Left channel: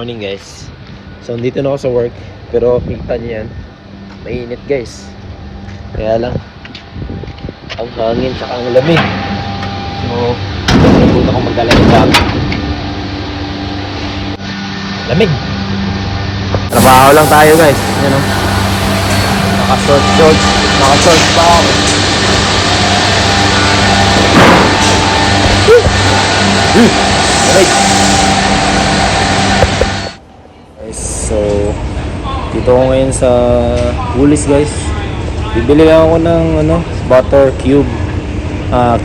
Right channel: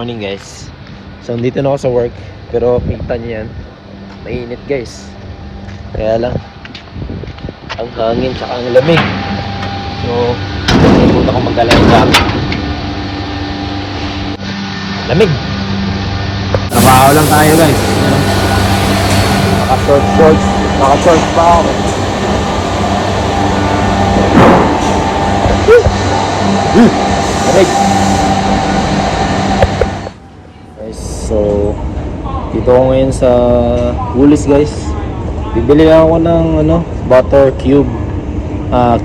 Morning guys. So dito na ako sa work. Pero kita niyo yan, mainit guys. Kaya lang ang hangin tsaka ang lamig. So punta ko magdala ng jacket. Lamig. Trabaho lang tayo guys. Ano? Naka-short shorts, naka-shorts pa ako. Lamig. So, dito ako ngayon sa Woolies guys. Bibili ako ng butter cube,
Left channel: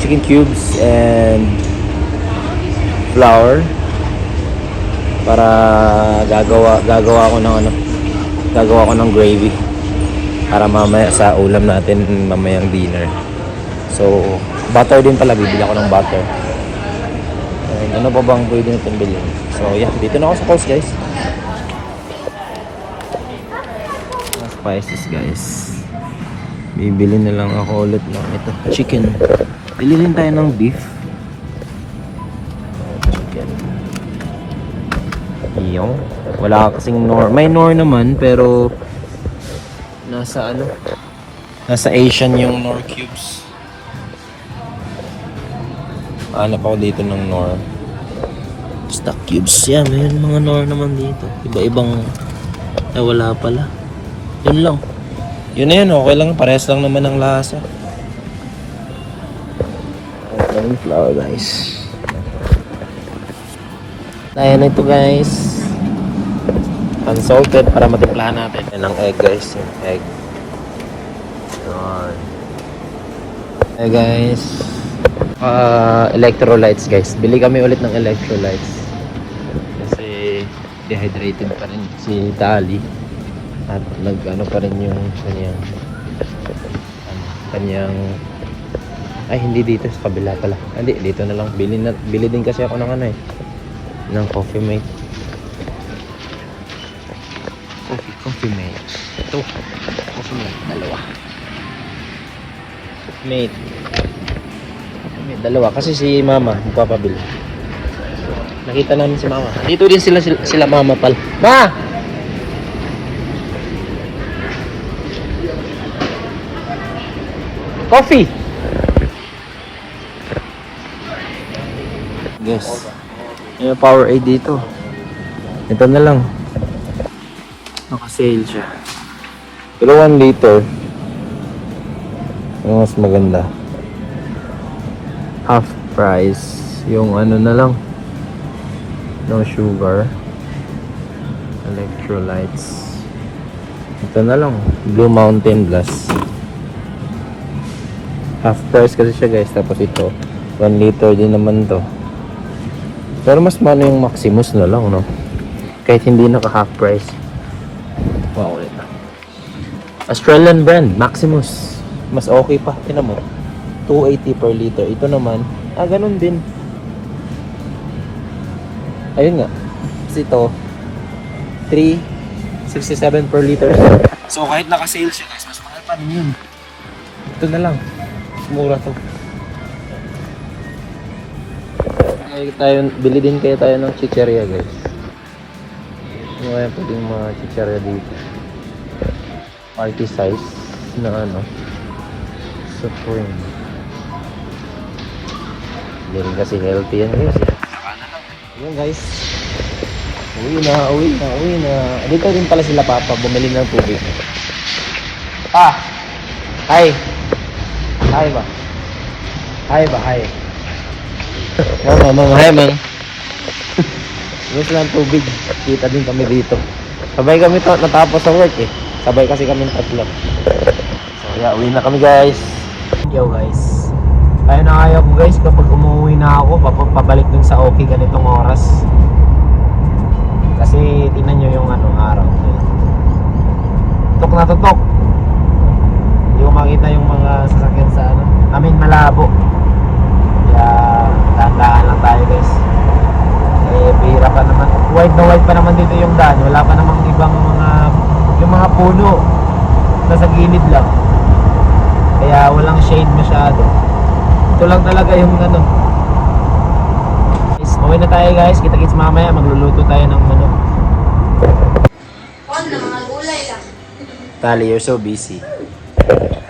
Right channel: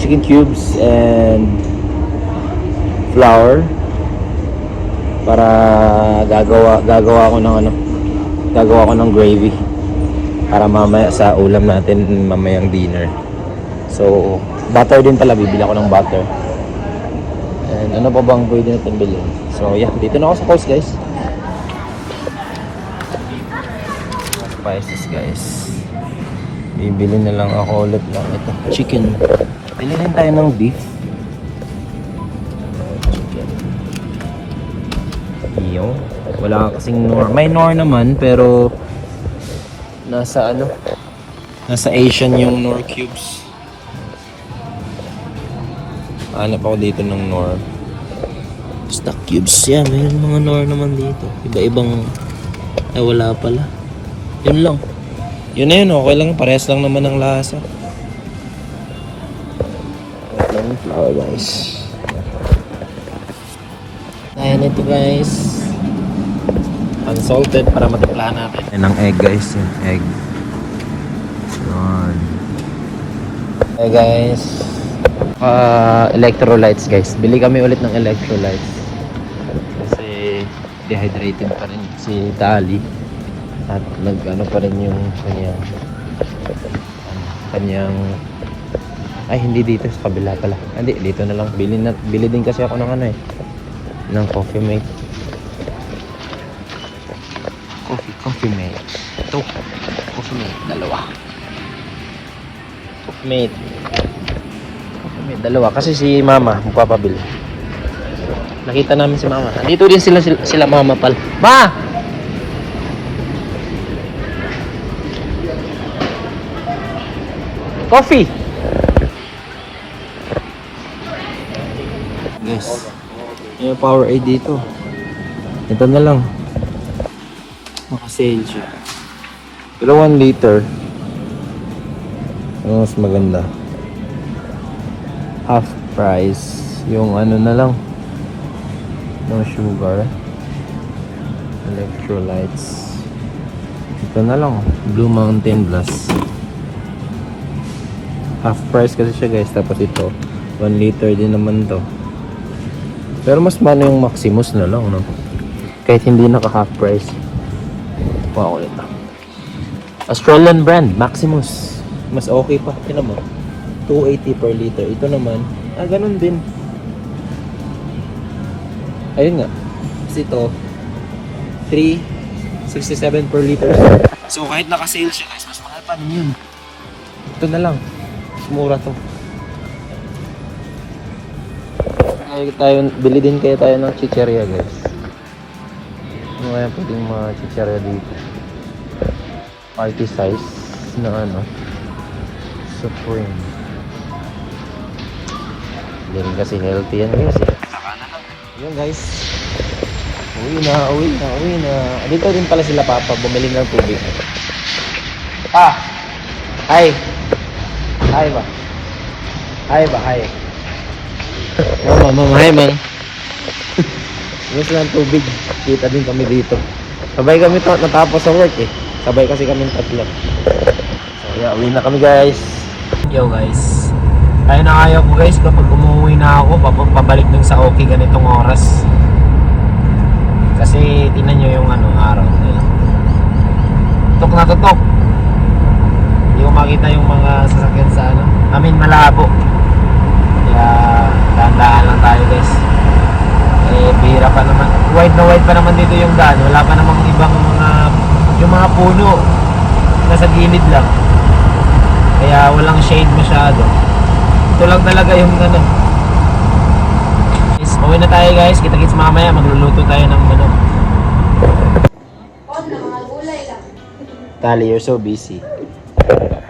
chicken cubes and flour para gagawa ko ng gravy para mamaya sa ulam natin mamayang dinner. So, butter din pala, bibili ako ng butter. And ano pa bang pwede natin bilhin? So, yeah, dito na ako sa Coles guys. Guys, bibili na lang ako ulit lang ito chicken. Bilhin tayo ng beef chicken. Yung wala kasing nor, may nor naman pero nasa Asian yung nor cubes. Hanap ako dito ng nor stock cubes. Yeah, may mga nor naman dito, iba-ibang wala pala. Yun lang. Yun na yun, okay lang. Parehas lang naman ang lasa. Okay yung flour guys. Ayan ito guys. Unsalted para matiplahan natin. Yan ang egg guys. Yung egg. Yun. Hey guys. Electrolytes guys. Bili kami ulit ng electrolytes. Kasi dehydrated pa rin si Tali. At nag-ano pa rin yung kanyang ay hindi dito sa kabila pala. Hindi dito na lang bili din kasi ako ng ng coffee mate. Coffee mate. Ito. Coffee mate dalawa. Coffee mate dalawa kasi si mama magpapabili. Nakita namin si mama. Dito din sila mama pala. Ma! Coffee. Yes. May Powerade dito. Ito na lang. Naka-sale siya. Pero 1 liter. Ang mas maganda. Half price. Yung na lang. No sugar. Electrolytes. Ito na lang. Blue Mountain Glass. Half price kasi siya guys. Tapos ito 1 liter din naman to. Pero mas mano yung Maximus na lang, no? Kahit hindi naka half price. Wow, ulit na. Australian brand Maximus. Mas okay pa. Tinan mo, 280 per liter. Ito naman ganun din. Ayun nga. Kasi ito 367 per liter. So kahit naka-sale siya guys, mas mahal pa din yun. Ito na lang. Mura to. Bili din kayo tayo ng chicheria guys. Ano kaya pwedeng mga chicheria dito? Party size na Supreme. Hindi rin kasi healthy yan guys. Saka na lang. Yun guys. Uwi na. Dito din pala sila papa bumili ng tubig. Hi. Hi ba? Hi. Mama, hi ma'am. Gusto lang tubig. Kita din kami dito. Sabay kami natapos sa work eh. Sabay kasi kami tatlo. So yeah, uwi na kami guys. Yo guys. Ayaw ko guys kapag umuwi na ako, pabalik dun sa okay ganitong oras. Kasi tingnan nyo yung araw nila. Tutok na tutok. Yung makita yung mga sasakyan sa malabo. Kaya dahan-dahan lang tayo guys. Bihira pa naman. White pa naman dito yung daan. Wala pa namang ibang yung mga puno nasa gilid lang. Kaya walang shade masyado. Ito lang talaga yung Uwi na tayo guys. Kita-kits mamaya. Magluluto tayo ng Tali, you're so busy.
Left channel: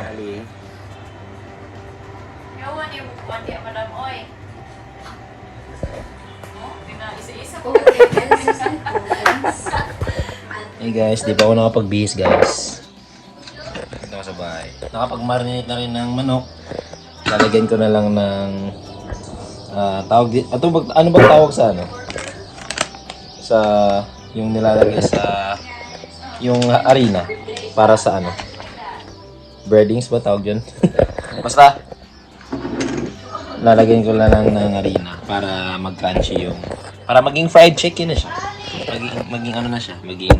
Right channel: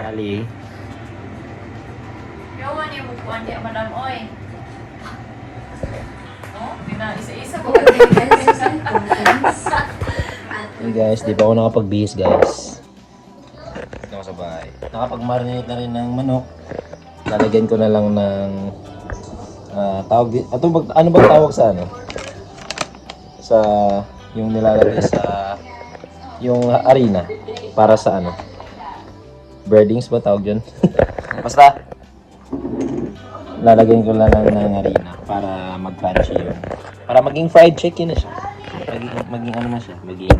Tali. Yawan yung bukuan niya, Madam Oy. No? Isa-isa ko. Hey guys, di pa ako nakapag-bihis guys. Dito ako sa bahay. Nakapag-marinate na rin ng manok. Lalagyan ko na lang ng ano bang tawag sa ano? Sa yung nilalagay sa yung harina para sa ano? Breadings ba tawag yun? Basta lalagyan ko lang ng harina para mag-crunchy yung para maging fried chicken na siya. Maging ano na siya, maging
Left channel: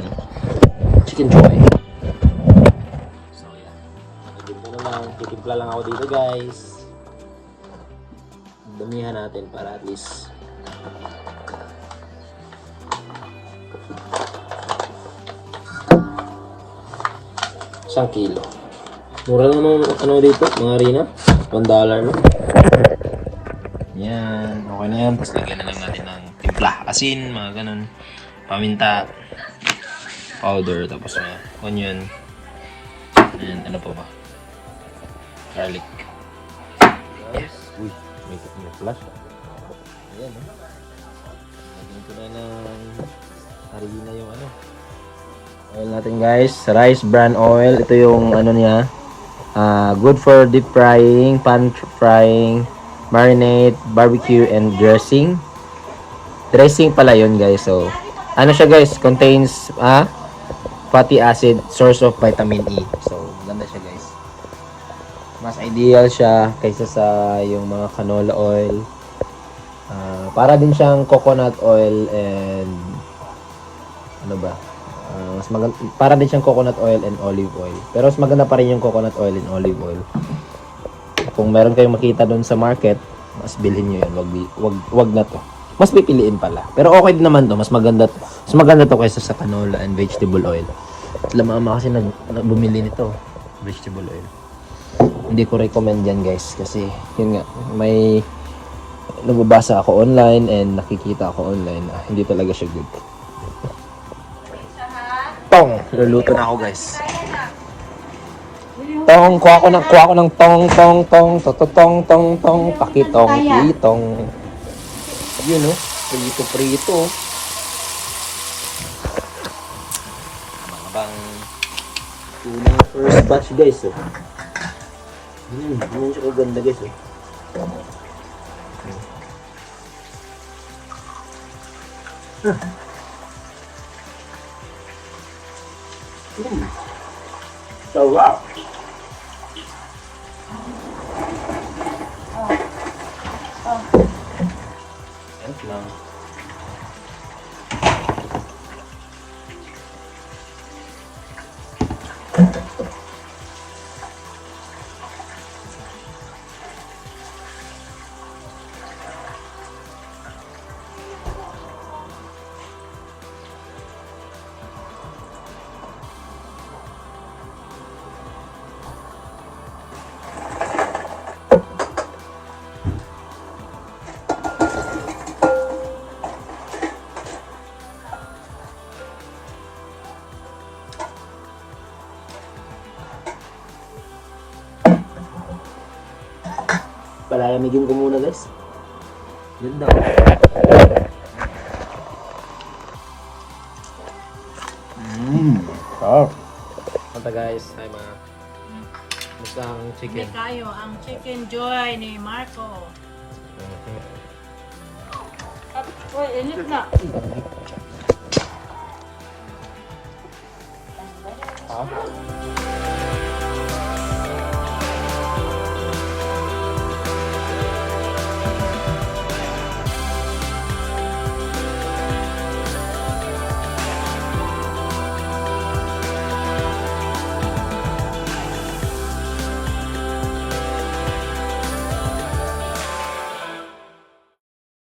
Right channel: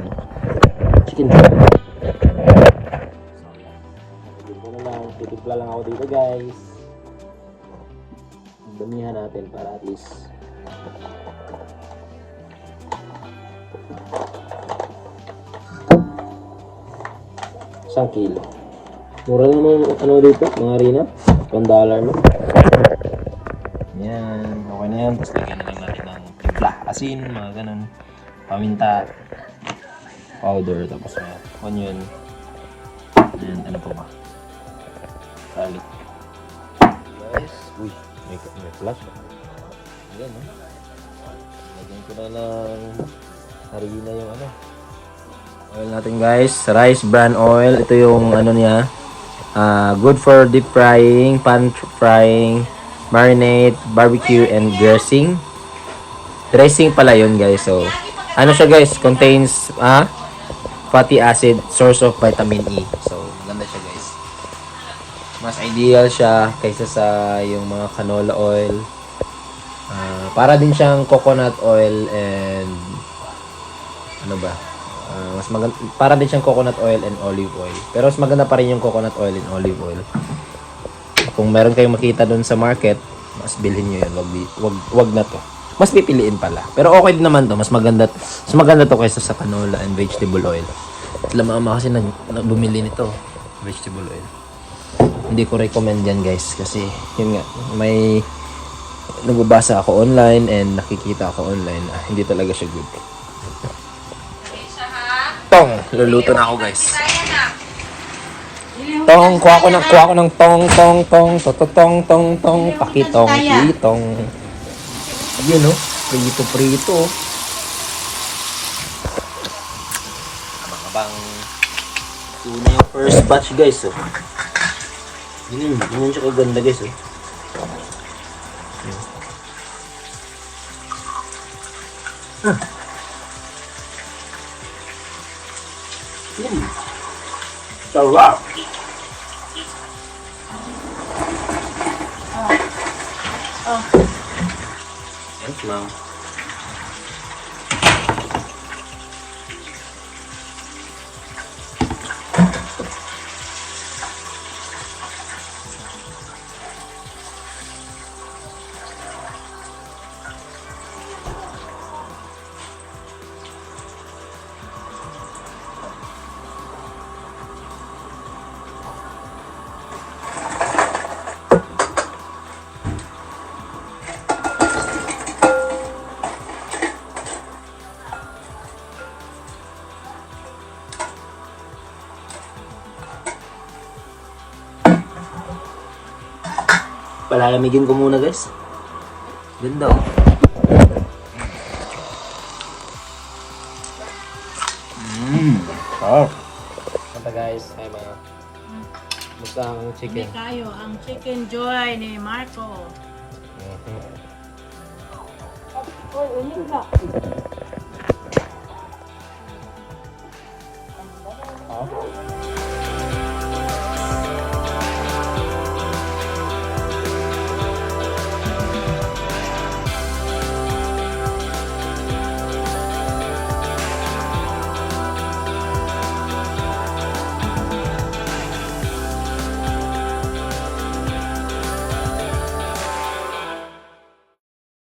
chicken dry. So yan. Lagyan ko na lang, titimpla lang ako dito guys. Damihan natin para at least isang kilo. Mura lang nung ano dito, mga harina. $1 no? Yan, okay na yan. Tapos lagyan na lang natin ng timpla, asin, mga ganun. Paminta, powder, tapos onion, and ano pa ba? Garlic. Guys, uy, may flash. Ayan, no? Lagyan ko na ng harina yung ano. Oil natin guys, rice bran oil. Ito yung ano niya, good for deep frying, pan frying, marinade, barbecue, and dressing. Dressing pala yun guys. So, ano siya guys, contains fatty acid, source of vitamin E. So, maganda siya guys. Mas ideal siya kaysa sa yung mga canola oil. Para din siyang coconut oil and ano ba? Para din siyang coconut oil and olive oil. Pero mas maganda pa rin yung coconut oil and olive oil. Kung meron kayong makita doon sa market, mas bilhin nyo yun. Wag na to. Mas pipiliin pala. Pero okay din naman to. Mas maganda to kaysa sa canola and vegetable oil. Sila mama kasi bumili nito. Vegetable oil. Hindi ko recommend yan guys. Kasi yun nga, may nagbabasa ako online and nakikita ako online na hindi talaga siya good. Tong, luluto na ako guys. Tong, kuha ko ng tong, pakitong, kitong. Yun no, prito. Abang tuna yung first batch guys oh. Yun siya kaganda guys oh. Sarap! Ma'am. Palalamigin ko muna guys. Ganda oh. Oh. Ito guys, ay basta ang chicken. Tayo, ang chicken joy ni Marco. Uy, inip na. Ah.